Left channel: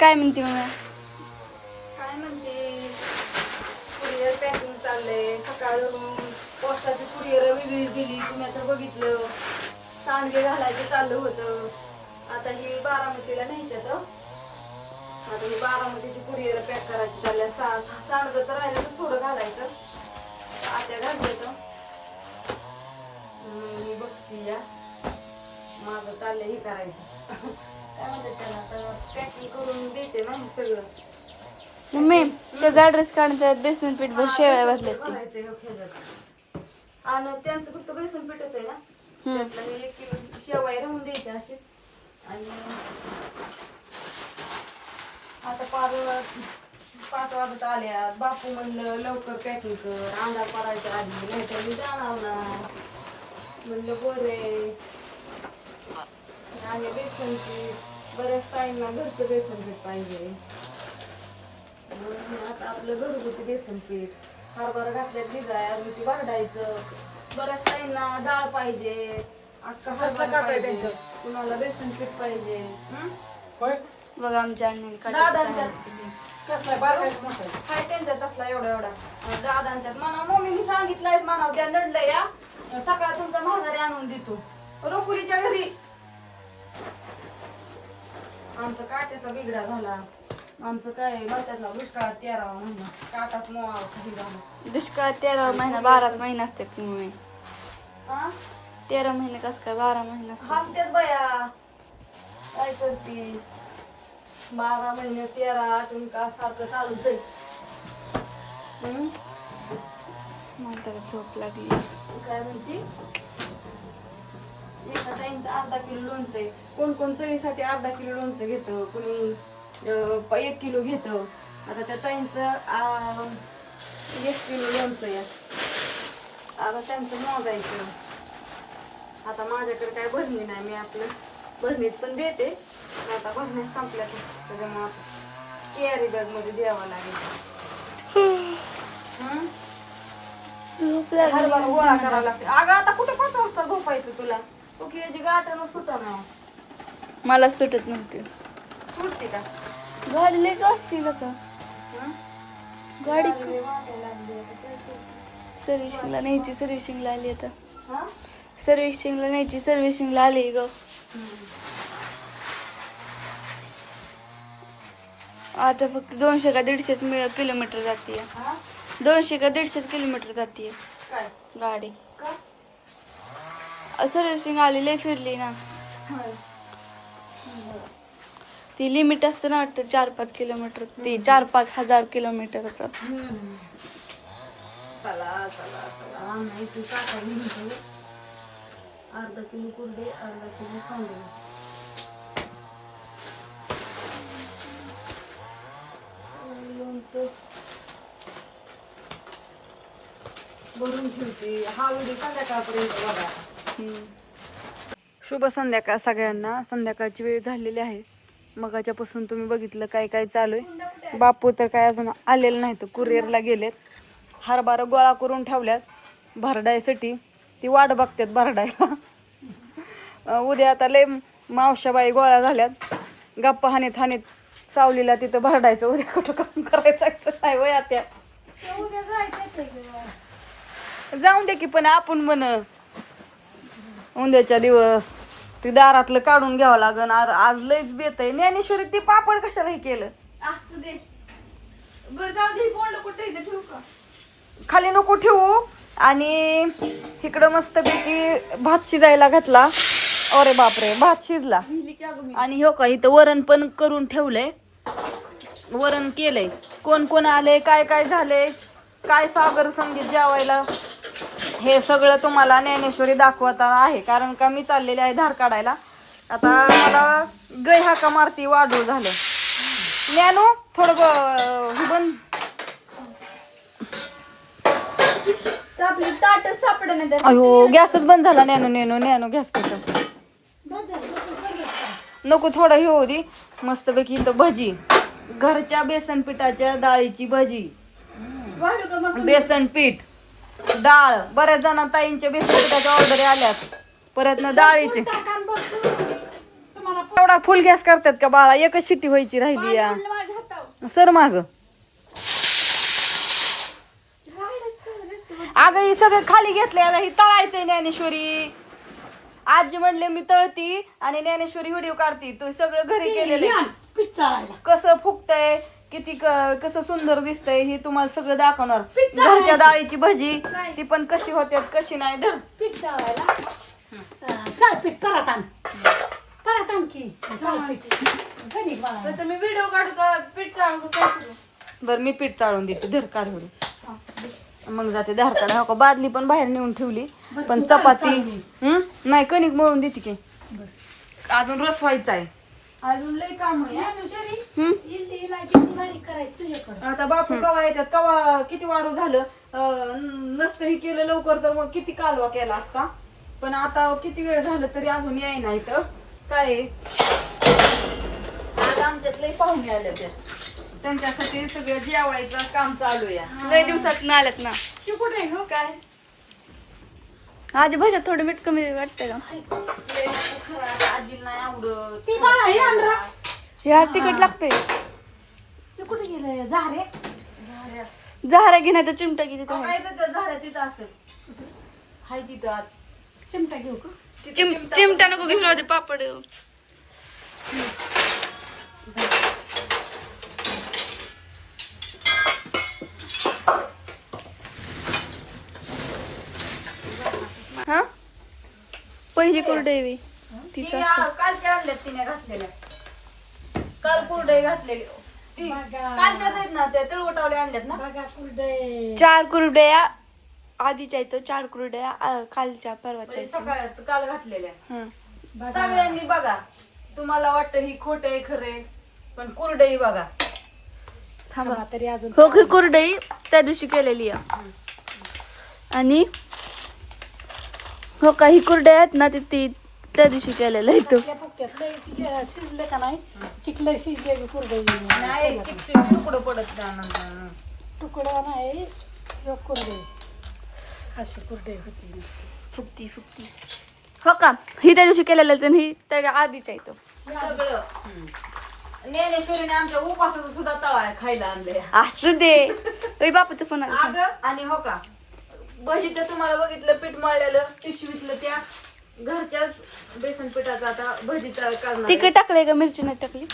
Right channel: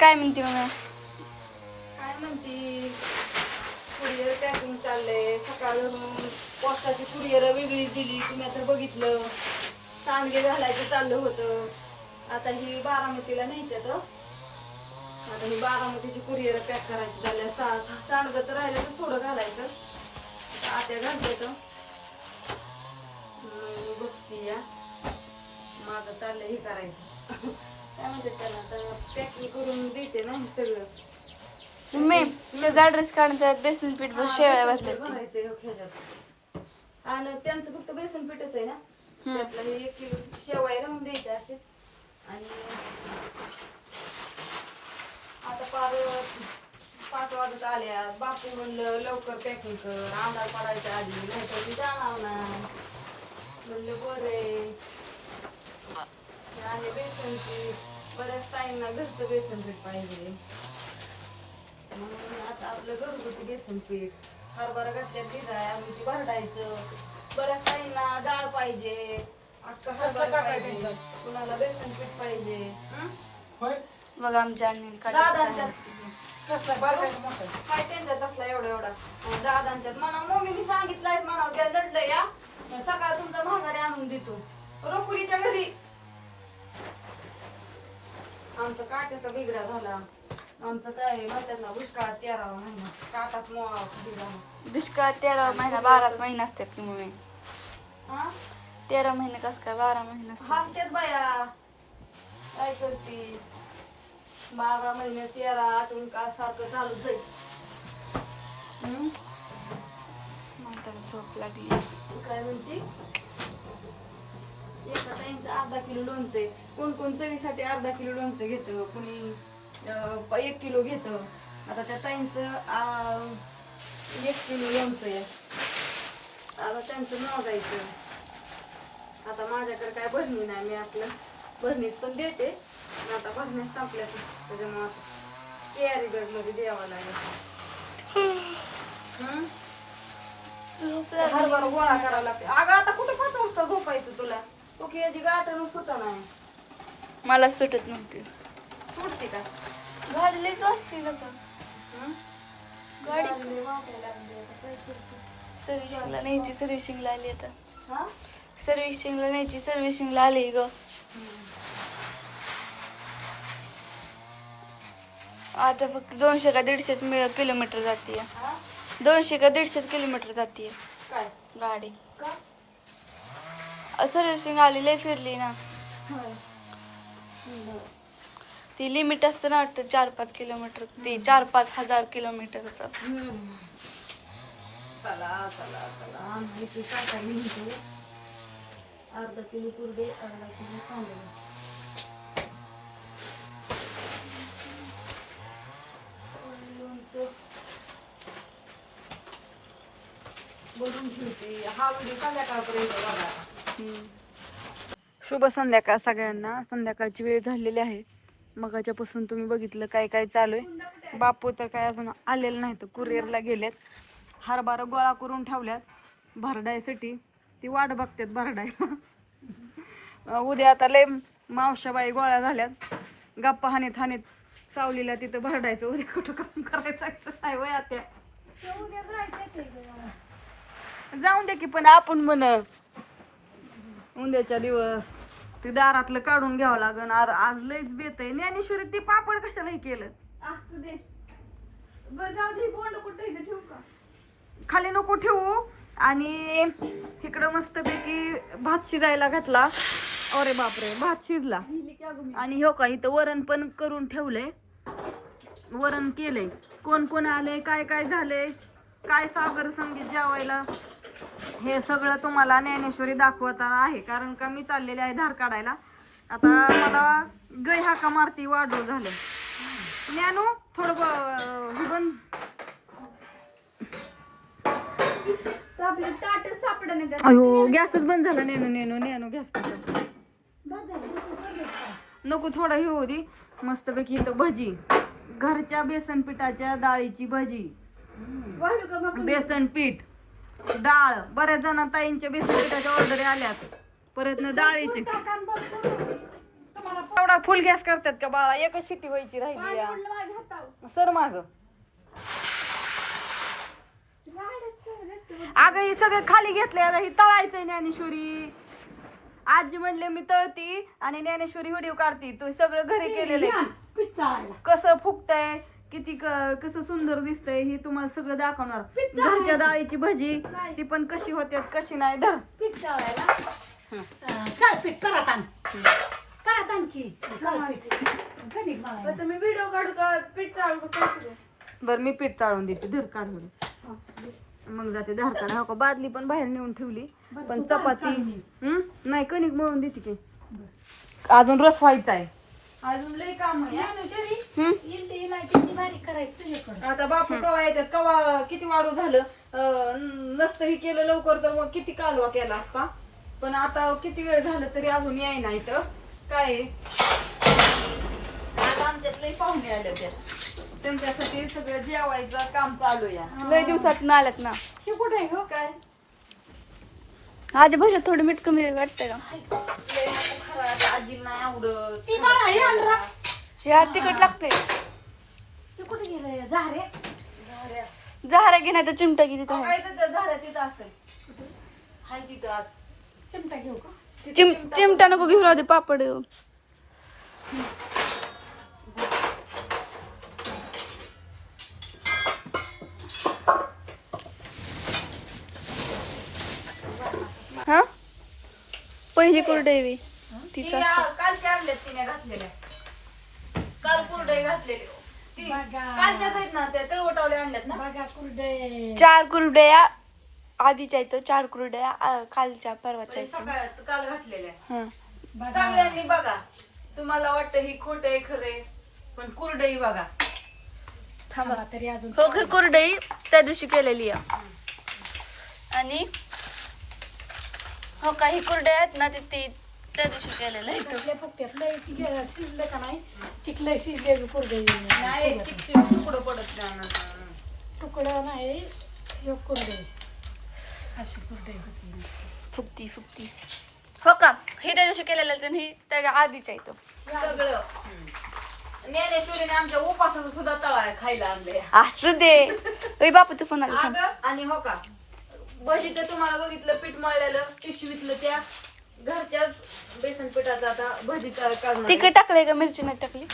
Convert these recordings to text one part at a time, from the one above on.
काय म्हणते मम्मी? काय म्हणते, कुरिअर पॅकिंग चाललंय. सकाळून पोस्टाची कुरिअर वेगळीच दिली, तुम्ही आता बघितलं. सांडगे घालायचं चाललं होतं. आता ही बारामतीला न्यायच्यात. आता ही बारामतीची कुरिअर पॅक करायची चालल्या. सांडगं तर राहिलं तर थोडं घालायचं. आत्या घालायचं. मी बघते या माझं चाललंय हे करायचं. काय म्हणतात त्याला, तर पॅकिंग करून देते ना हे सगळं. मम्मी त्याचा ऍड्रेस काढून बेसन पीठ भर शेवाय घातल्यात तू. भरायचंय हो खेळात. आणि त्यांचं फक्त बेसन पीठच आहे ना. त्यातलं 1 किलो शेवाय राहून द्यायच्या अशीच. आणि आता 5 वाजत आल्या. बापू म्हणलं लवकर पॅकिंग कर, अंधार पडायच्या आधी, नाहीतर मी जाणार नाही. म्हणलं बरे आणि बेसन पीठ बऱ्याच ताईंना घरचं बेसन पीठ पाहिजे. म्हणून आता आपलं घरगुती बेसन पीठ हरभरा घातल्यात भिजाय मग ती भरडायचं. बऱ्याच ताईंना डाळ पाहिजे, अख्खा हरभरा पाहिजे, कुणाला बेसन पीठ पाहिजे. बघा आमच्या अण्णांनी दादांच्यात काय त्यांच्यात तसला एवढा दादांच्यात म्हणा मम्मीने सांगितलंय म्हणा त्या लढलं या सकाळ तुमचा महागारी आणून देतो रोकुलीच्या घरी. आमचा काट्याचा बिगडा झाला. आमचं काय त्यातला दुष्काळ 13 महिना काटाच मोळा. दुष्काळ 13 महिना 12 महिना असतात की मम्मी. 13 महिने कस काय 12 महिने असतात? हसत्यात बाया काय करते. 12 महिने 13 तुम्ही का सारखं चालूच जाईल. मला तर झोप लागली. काय म्हणते, एका ताईंचं अर्धा किलो लोणचं आहे. कोण कोण चवीसाठी अर्धा किलो लोणचं घेतं, कुणी 1 किलो घेतं. आता त्या ताईंचं 1 किलो लोणचं आहे. आता त्यांचं मोजायचं. आता माझ्याकडे काय भरणी नाही, मी आपलं भरणीत पण देते. आता भरण्यात संपल्या त्याच्यामुळे कॅरी बॅग मध्ये द्यावं लागेल. झोप लागली. हरभरा गोळा करावा लागते. अगं आता कुठं 5 वाजता झोपायचं तुला, तो की याची गाठण सुटा ना. मला सुटत नव्हती. सुटते का गाडी लई असते का? गाडी वाटायला लागली आता. सर्व्हिसिंगला न्यायची, सर्व्हिसिंगला आली आता. हा सर्व्हिसिंगला न्यायची, सर्व्हिसिंगला आली ग. आता फक्त 200 का 150 किलोमीटर जाते. 200 का 150 किलोमीटर जाते काय गाडी. का सर्व्हिसिंग आली लय फिरली ना. ती लिमिट असतं ना वाटतं 4-5 किलोमीटर. ती 4-5 हजार किलोमीटरचं. चला चला चला नाही तू टाका लिहितो. अर्धा किलो कुरडे, अर्धा किलो सांडगे. लोणचं भरून ठेवते. हा व्हिडिओ संध्याकाळपर्यंत बघा. शुभ संध्याकाळ सगळ्यांना. संध्याकाळची वेळ झालेली आहे. मगाच्यापासून तुम्ही बघितलं काय काय चालू आहे. बापू तर काय अजून आलेलं नाही, तर कुरिअरला गेलेत. हरभरा गोळा करून ठेवल्यात भरडायसाठी. ती वाट बघतात भरडायला. उद्या आता लय मावशाबाई गोळा झाल्यात. गप्पा हानीत हानीत सावलीला तिथं भरडायचं. उद्या कुठं काम करायचं नाही वय आता. जाऊन दे की, पण आपण म्हण उद्याच्या दिवस ती दारातलं काढून घ्यावं लागन. आज लयच बेत आहे. ज्ञानेश्वरी ती पापड कशाला हे केलं? असू दे जाऊ दे. कोण कुठे ठेवू का खाली नको ठेवू. आणि इकडं मस्तपैकी भात शिजायला घातला. अरे बापरे, भात शिजला. आणि हो का इथं वरण पण करून ठेवलंय. वरण केलंय. कोण कोण आले, काय काय झाले, काय सागर संगीत जेवायला, हे सगळं तुम्हाला ज्ञानेश्वरी दाखवता आहे. कारण का मी चाललेले आहे धार काढायला. आता मला गै हाका मारती वाढू झालं. ज्ञानू थोडं बंद. अयो गॅसच बंद झाला. ज्ञानू गॅस नको, थोडा हे होऊ दे. मस्तपैकी इथं भजी, घरच्या बेसन पिठाच्या डाळीची भजी, बेसन पीठ, डाळ. बऱ्याच जण ताईंच्या बेसन पिठाच्या ऑर्डर आल्यात. परत ना डाळीचे एवढा फुल गॅस करतात का बाळा? एकच शिट्टी व्हायची राहिली या. सर माग अगं ही सगळं खाली घेतलंय आता. ही तळायचंय ज्ञानेश्वरी. आजी म्हणले मी तळती आणि ज्ञानेश्वरी व्हिडिओ काढती. तो सगळं घरी केलेलं कसं फुगतंय, किती कसं सुंदर दिसतंय हे तुम्हाला सगळं दाखवणार. घरच्या डाळीची भजी ती पण कशी होत्यात कशी नाही. धर मी व्हिडिओ काढू का पीठ चालू का? बरं मी पीठ चाळून देते. धर काढ मग जाते धार काढा. हो का बादली पण बाहेर नेऊन ठेवली. पण चपाती नाही कणिक मळून देते की. अजून रस व्हायचा आहे. अजून लय काम आहे. आता बापू कवा येतात कवा किती वाढू झालं. नसतं हे केलं लवकर तर मग किती कालवा केला असता. पण आता किती वेळ झालं तरी अजून येईना इथं. काय आता आमच्यात लय पाहुणे आले त्या. त्यांच्यासाठी सगळं जेवायचं काम चालू या. लय दिवसात आल्यात ना. कुठे हो काय आजी भाषा थोडं मीठ कमी वाटतंय का? आजी नाही आवडत. या तिखट लागतंय. जहारा घेण्याचा चिमटा किती तिथं आहे. झालं तिथं असेल. हाय तिथं आत. चिमटा घेऊ का? चिमटा नको घेऊन राहू दे पापड. हा पहिली कुरडई तिचा कालच्या आणल्यात तिने घातलेल्या. काल कुरडई घातलेली. कालच्याच आहेत ना त्या तळवटावल्या आणल्यात ना. 4 कुरडया आधीच्या इथं 4 कुरडया कालच्या परवाच्या सकाळी काल घातलेल्या. हा सगळ्यांनी बघा. तुम्हाला वाटतं ही खोट आहे खरे पण कुरडई बघा. थांबा तरी अजून हो ही कुरडई त्या दिवशी केलेली आहे. आणि हो काही कुरडया आहेत ना ती त्या दिवशी केलेलं इथं. शिजले का नाही चिकले शिजले कुरडई नाही चिकशी तुकडं पडत त्यानंतर. तुकडं नाही योग कुरडई अशी कुरडई होती. फुगती हो का ही त्या दिवशी केलेलं आणि ही त्याच्या आधीच्या इथं सगळं ज्ञानेश्वरीने आमच्या उपासाचं सुद्धा तळा खायला आणले. असू दे बापूचं फोन आला. अगं आणि हो का भजी तर तुम्हाला बघितलं पीठ मळलेलं पिशवीतलं त्या घरच्याच बेसन पिठाचं आता भजी तयार करणार. तिखट टाकलंय का मिरची नाही टाकली.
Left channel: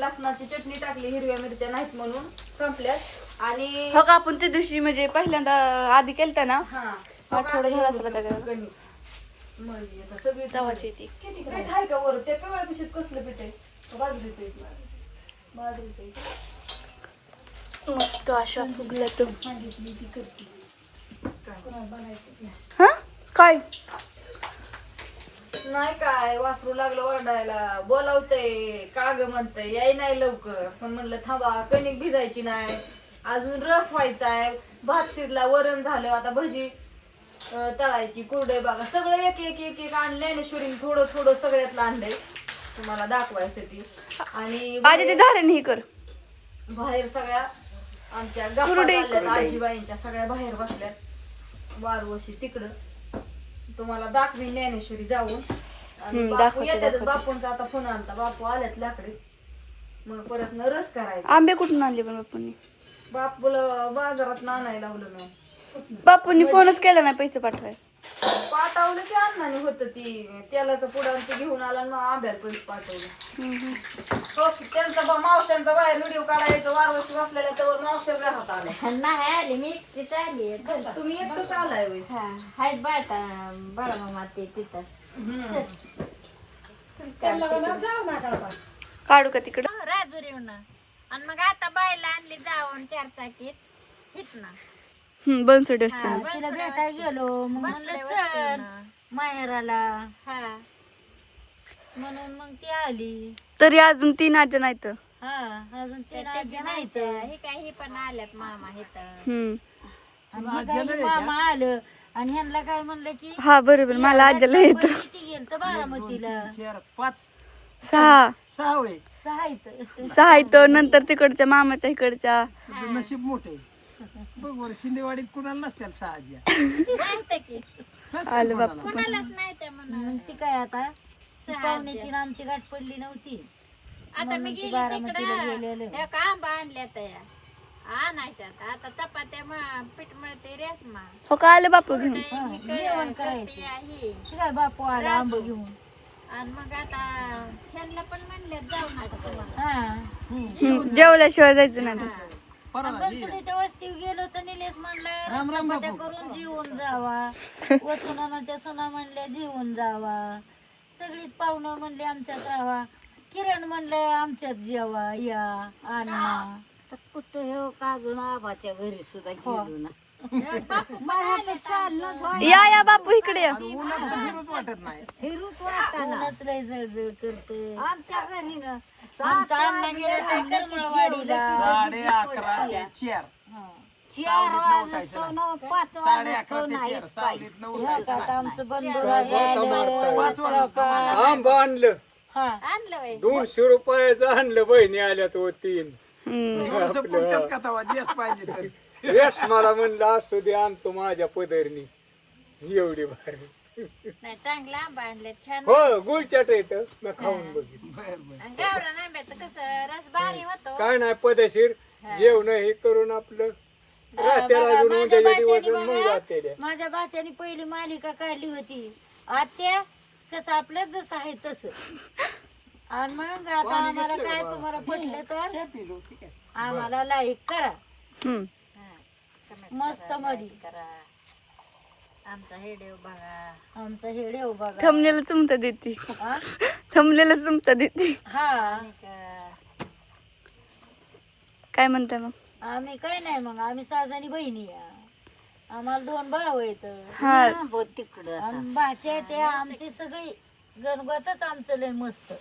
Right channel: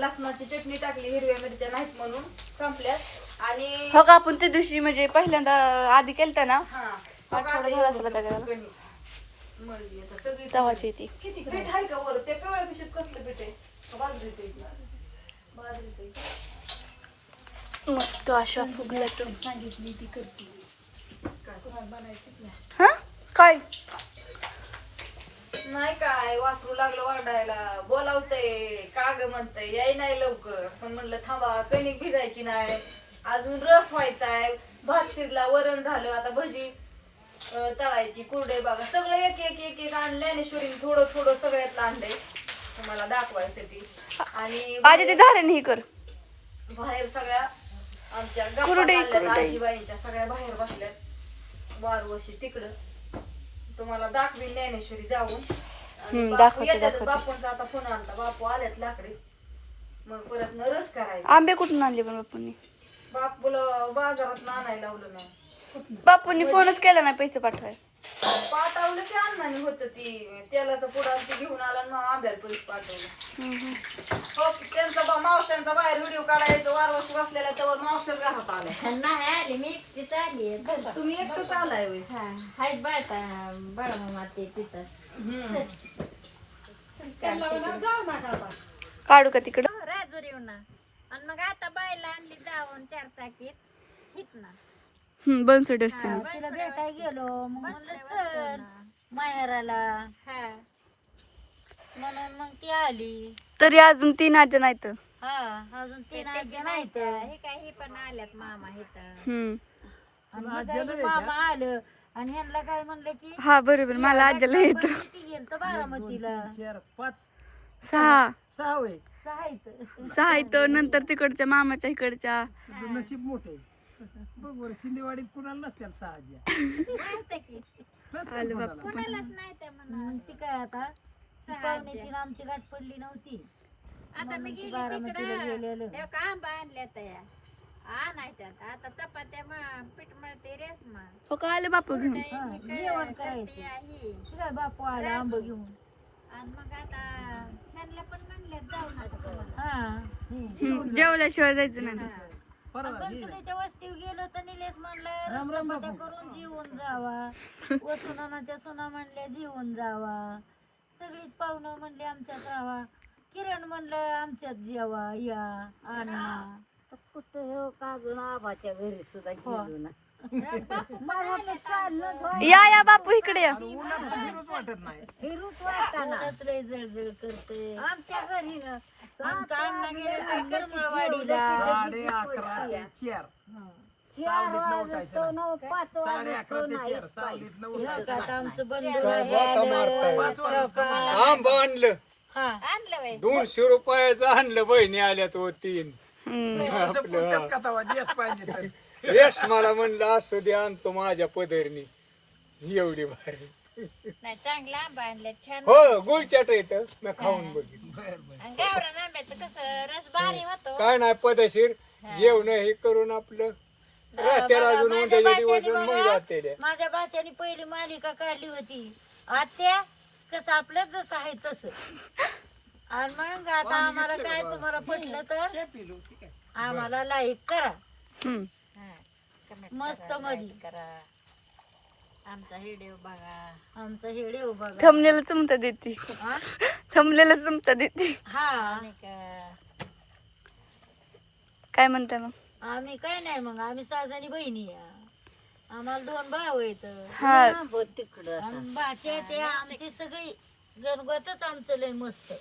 लसणाची चटणी टाकली. हिरव्या मिरच्या नाहीत म्हणून संपल्यात. आणि हो का आपण त्या दिवशी म्हणजे पहिल्यांदा आधी केलता ना हा थोडं झालं असलं त्याच्याला मळली आता सगळी. तवाची ती किती पीठ आहे का वर त्या पिवळ्या पिशवीत कसलं पीठ आहे. बाजरीचं मस्त अशा फुगल्या तो. सांगितली ती करते हा काय नाही काय वासरू लागलं ओरडायला. बोलावतंय का ग म्हणतंय याय नाही लवकर. पण म्हणलं थांबा कणिक भिजायची नाही अजून रस व्हायचाय. भात शिरला वरण झालं आता भजी तळायची कुरडई बघा. सगळं एक एक एक एक आणलं. ज्ञानेश्वरीने थोडं थोडं सगळ्यातलं आणलंय तुम्हाला दाखवायसाठी. आणि आधी ते धारण ही कर बाहेर सगळ्या आमच्या कुरडई, गप्पा कुरडई. आजीबाईंच्या सगळ्या बाहेर बसल्यात. वारवशी तिकडं तुम्हाला दाखवीन ज्ञानेश्वरी जाऊन. आणि बापू दाखवते, येतात. दाखवते. बापूंचा आता फोन आलता. बापू आल्यात लाकडे मग परत न रस करायचा. आंबे कुठून आणले पण बापूंनी. बापूला बाजारात आणायला लावलं नाही. बापूंनी फोनच केला नाही पैसे पाठवाय. पाठवलं ते अण्णाने होतं ती तेलाचं पुढं ते घेऊन आला ना आंब्याला पैसे पाठवलं. हो त्यांचा मावशांचा बाहेर व्हिडिओ काढायचा वारवशी बसलेला तर मावशाच घरात आले. नाही आली मी एकटीच आली तुम्ही एकटंच आलाय होय. हाय बाळा बाळा मामा ते तिथं जाऊ नका आता. काढू का तिकडं. राजुरीहून आणि मग आता बायला आणली जाऊन 4 चाकीत हितना बनसोडे असते ना. तिला भेटाय गेलो मग म्हणलं चल माहेराला म्हणून मग ती आली. तरी अजून 3 आज्या नाहीत. हा अजून 3 आजी नाहीत. हे काय हे पण आल्यात मामा इथं आणि हे काय हे मामा आलं आणि ह्यांना काय म्हणलं की हा बरोबर मला आज्याला येत. ती गेलं तर बारामतीला 4 5 6 6 होय. 6 इथं 6 इथं नंतर तिकडच्या मामाच्या इकडच्या. तुझं नशीब मोठे बघ वर शिंदेवाडीत कुणाला नसत्याल 6 आज्या. माहिती की आलं बापू पण. कोणालाच नाही त्या म्हणून ती काय आता पाहुणे तीन आमची गाठ पडली नव्हती. आता मी गेली बारामतीला गेलेलो. तिकडं एक आंबा आणल्या तया आणायच्यात. आता चपात्या पीठ मळते रेशमा हो का आले बापू घेऊन जेवण करायचं. करते आहे. ते काय बापू आला आंब घेऊन. आणि मग आता ह्यांना पण म्हणले जाऊ नका तुम्हाला. हा जेवल्याशिवाय जायचं नाही बनसोडीच्या वस्तीवर गेलो तर निलेश म्हणला चपात्या करून जेवून जावा. वसुनाच्या सुना म्हणले जेवून जावा. सगळीच पाहुणं म्हणले आमच्यात राहावा. किरण म्हणलं आमच्यात जेवा या आणा. कुठं हो का अजून आबाच्या घरी सुद्धा गेलो ना. या बापू इकडे या फिरूच वाटत नाही. ऊनच लय जळजळ करते. आमच्या घरी ना आमचा अण्णा गेला त्या करमळवाडीला. 11:30 ते 4. 4 वाजतो न 5 वाजतो 11:30 ते 4. सावलीत 9 आता आमचं बंधू आंबा आणलं आणलं वय 200 रुपयाचं आणलं. बहिणी आल्या तो 3 पुढच्यात का तवा जेस पाहिजे तर. रेस मला म्हणलं असू दे आणतो माझ्या पदरनी. एवढी भारी नाही चांगला आंबा आणले छान. हो गुळचाट येतं मी खाऊन बघितलं. आणि गावरान आंब्याचं कसं रस भारी होतो. काय नाही पदशीर जेवण हे करून आपलं राहते अजून उद्याच्या दिवस मग जाते. माझ्या बाच्याने पहिली मालिका काढली होती आत्या कसं आपल्या जसं आहे तसं. आणि मग आता आम्हाला काय तुम्हाला पटलं तर आम्हाला लाईक करा. मस्त मध्ये करा आमचा व्हिडिओ बघा. आमचं हे देव बघा. थंबनेल तुमचं देते हा? थंबनेल तुमचं देते हा काय म्हणताय मग आम्ही काय नाही मग आम्ही 6 जणी बहिणी या. आम्हाला 2 भाऊ आहेत. हा तिकडं आणि भाचे ते आमची सगळी गणगतच आमचं लय मस्त.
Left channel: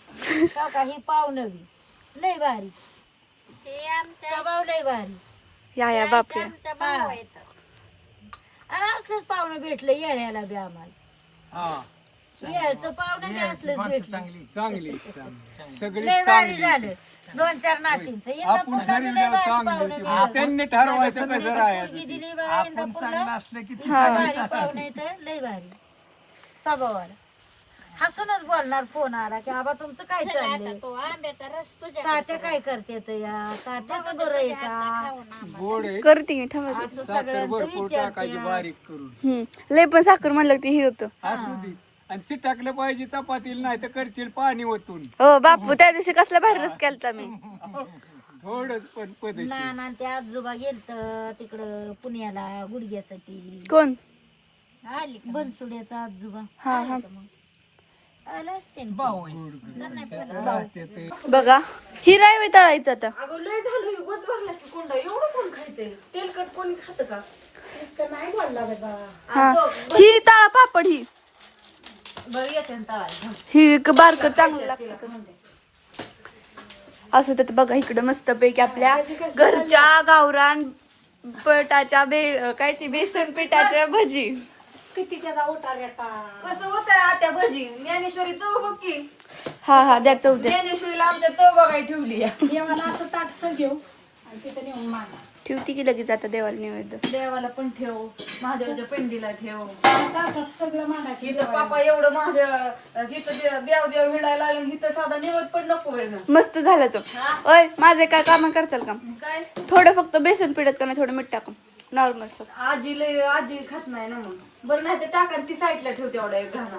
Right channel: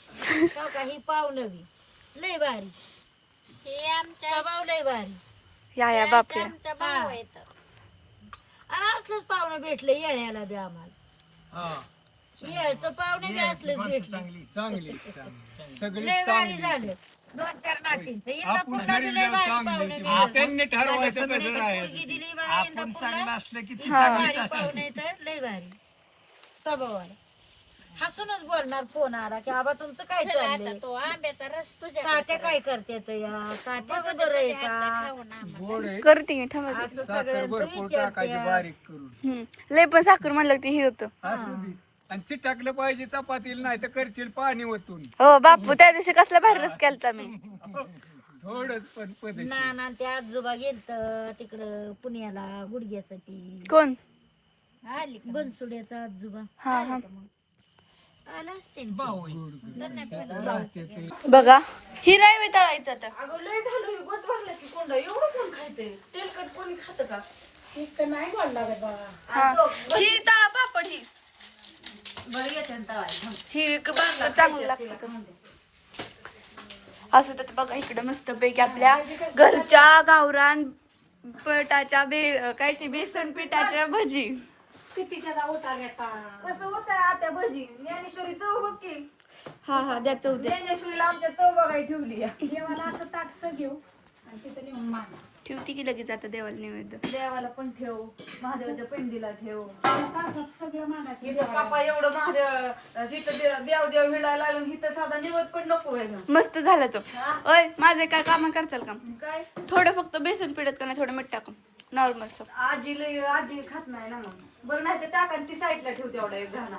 का काही पाहुणं बी लय भारी. हे आमच्या स्वभाव लय भारी. या बापू या आमचा भाऊ आहेत. आणि असलंच पाहुणं भेटलं येळ्याला बी आम्हाला. हा येळचं पाहुणं बी असलंच भेटलं. चांगली चांगली सगळी लय भारी झालं. 2-4 नातींचं इंदापूरला बी लय भारी पाहुणे भेटलं. त्यांनी ठरवायचं कसं पोरगी राहायचं. दिली बाळा आपण इंदापूरला. चांगलं असलं की ती भारी पाहुणे तर लय भारी स्वभावाला. हसूनच बोलणार फोन आला की आबा तुमचं काय आता चाललंय. तो आंब्याचा रस तुझ्या तात्या काय करते तर या तात्या बदल आहे का खाऊन आंबा. गोड आहे. करते की थांबा असं साखर सगळ्यांचं भरपूर टाकायची विचारते. बारीक करून. लय पण साखर म्हणलं की हे होतं असू दे. आणि चिटाकलं पाहिजे चपातीला नाही तर करशील पाणी ओतून. हो बापू त्या दिवशी कसला भारी रस केलता मी थोडंच पण पदशीर. नाना ते आजोबा गेलत तिकडं पुण्याला गुडघ्यासाठी. कोण आली का? बनसुड्याचा आजोबा हा हा आला असते ना. भाऊ आहे. राहते ते. बघा ही राय तळायचं आता अगं लय झालं बस भरला की कोंडा एवढं कोण खायचंय. तेलकट कोणी खातं का इतकं नाही गोड लागत बाबा. हा ही तळा पापड ही घरी येते ना तळायला. ही बारक चांगलं लागतं असं तर बघा इकडं मस्त पैकी आपल्या घरच्या गावरान पटाच्या काय ती बेसन पिठाच्या भजी. कसं होतंय आता भजी ज्ञानेश्वरी चव बघ की. हा द्या चौ द्या ज्ञानेश्वरीला आमच्या चव बघाय ठेवली ठेवती की लगेच आता देवाला नैवेद्य. देवाला पण ठेव महादेवाच्या पिंडीला ठेव. इथं पापा एवढं महादेव तिथं देव हिडायला लागलं इथं साधा निवड पण नको आहे ना. मस्त झालं तो. ओय माझे काय काम करचाल का काय थोडं फक्त बेसन पिठत का नाही थोडं मीठ टाकून नॉर्मल सब. आजी खात नाही ना मग. बरं नाही तर टाका ती साईडला ठेव तेवढा एक घाणा.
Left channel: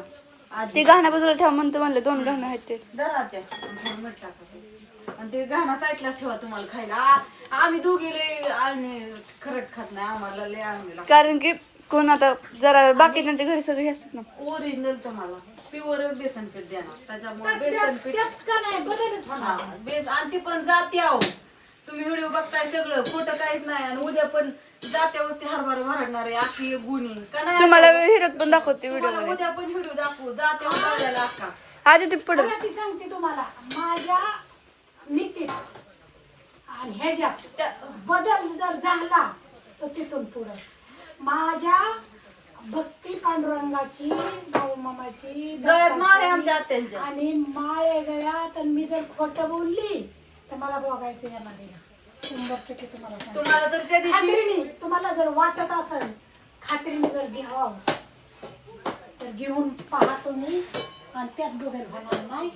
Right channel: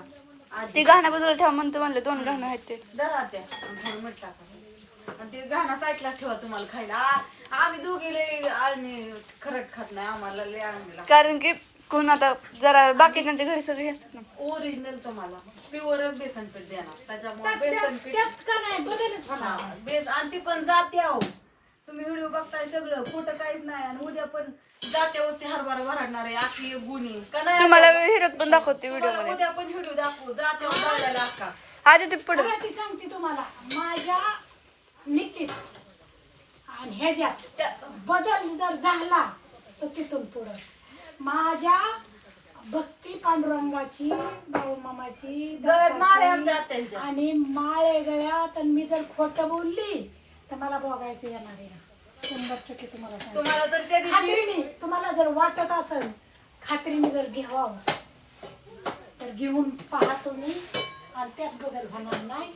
ते गहना बाजूला ठेवा म्हणलं 2 गहना आहेत ते. धरा त्या थोडं मीठ टाका आणि ते गहना साईडला ठेवा तुम्हाला खायला. आम्ही दोघी लय आळणी खरट खात नाही. आम्हाला लय आळणी लागते. कारण की कोण आता जरा बाकीच्यांच्या घरी सगळे असतात ना. ओरिजिनल तुम्हाला प्युअरच बेसन पीठ देणार. त्याच्यामुळे बेसन पीठ हा, आणि ती पण जाते आहो. तुम्ही व्हिडिओ बघताय सगळं खोटं काहीच नाही. आणि उद्या पण जात्यावरती हरभरा भरणार आहे आखी गुणी का नाही. तुम्हाला हिरत पण दाखवते व्हिडिओ तुम्हाला मध्ये. उद्या पण व्हिडिओ दाखवू जात्यावर भरलेला अक्का. आज ते पुढे ती सांगते तुम्हाला माझ्या नीतीत आणि ह्याच्यात बदल जर झाला तर तिथून पुढं माझ्या भक्ती पांडुरंगाची बाळूमामाची माळे आमच्या आत्यांच्या. आणि माळे गळ्यात आणि मी जर खोटं बोलली तर मला बघायचं येणार आहे. 100% तुम्हाला सांगते. तुम्हाला तर त्या दिवशी खात्रीने तुम्हाला जर वाटत असेल खात्रीने जर घ्यावं तर घेऊन पहा तुम्ही आणि त्यात बदल होणार नाही,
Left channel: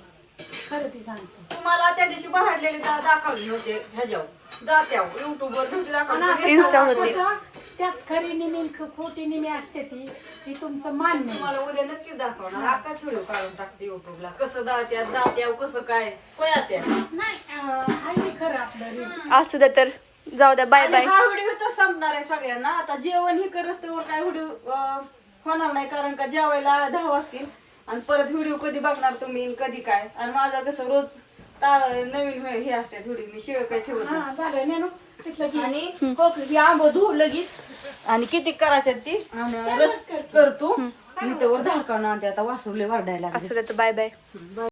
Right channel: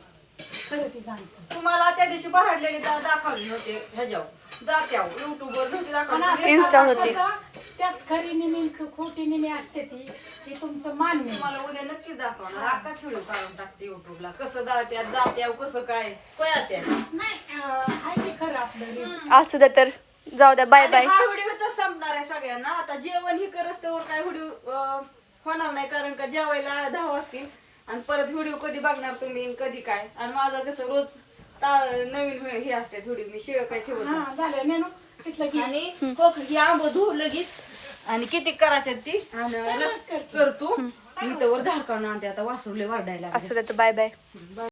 खरं ती सांगतो. तुम्हाला त्या दिवशी बहाडलेले दाखवले होते ह्याच्यावर जात्यावर युट्यूबवर नव्हते आणि दाखवले. असं Insta होते. कसं त्यात खरी निमी खोटी निमी असते ती तुमचं मान्य आहे. तुम्हाला उद्या नक्कीच दाखवणार. आकाच व्हिडिओ काढून टाकते युट्यूबला कसं जात्यावर कसं काय कोयात्या. नाही आहे की खरं आपलं रील. असू द्या तर, जाऊ द्या, बाय बाय. हा व्हिडिओ तर संपणार आहे सगळ्यांना. आता जेवण ही करत त्यावर काय व्हिडिओ होणार नाही, कारण का जेवायला 10 वाजतील आणि परत व्हिडिओ कधी बघणार तुम्ही आणि कधी काय. आणि माझा कसं रोज नवीन हे असतात व्हिडिओ, मी शिवाय काय ठेवत नाही. हा झालं मेनू तिथलं की आणि ही आंब धुवू लगेच आणि किती करायच्यात ती आणि रस करतो मी त्यावर धार काढून आणते. आता वासुरले वाढायला लागले. असू द्या तर, बाय बाय.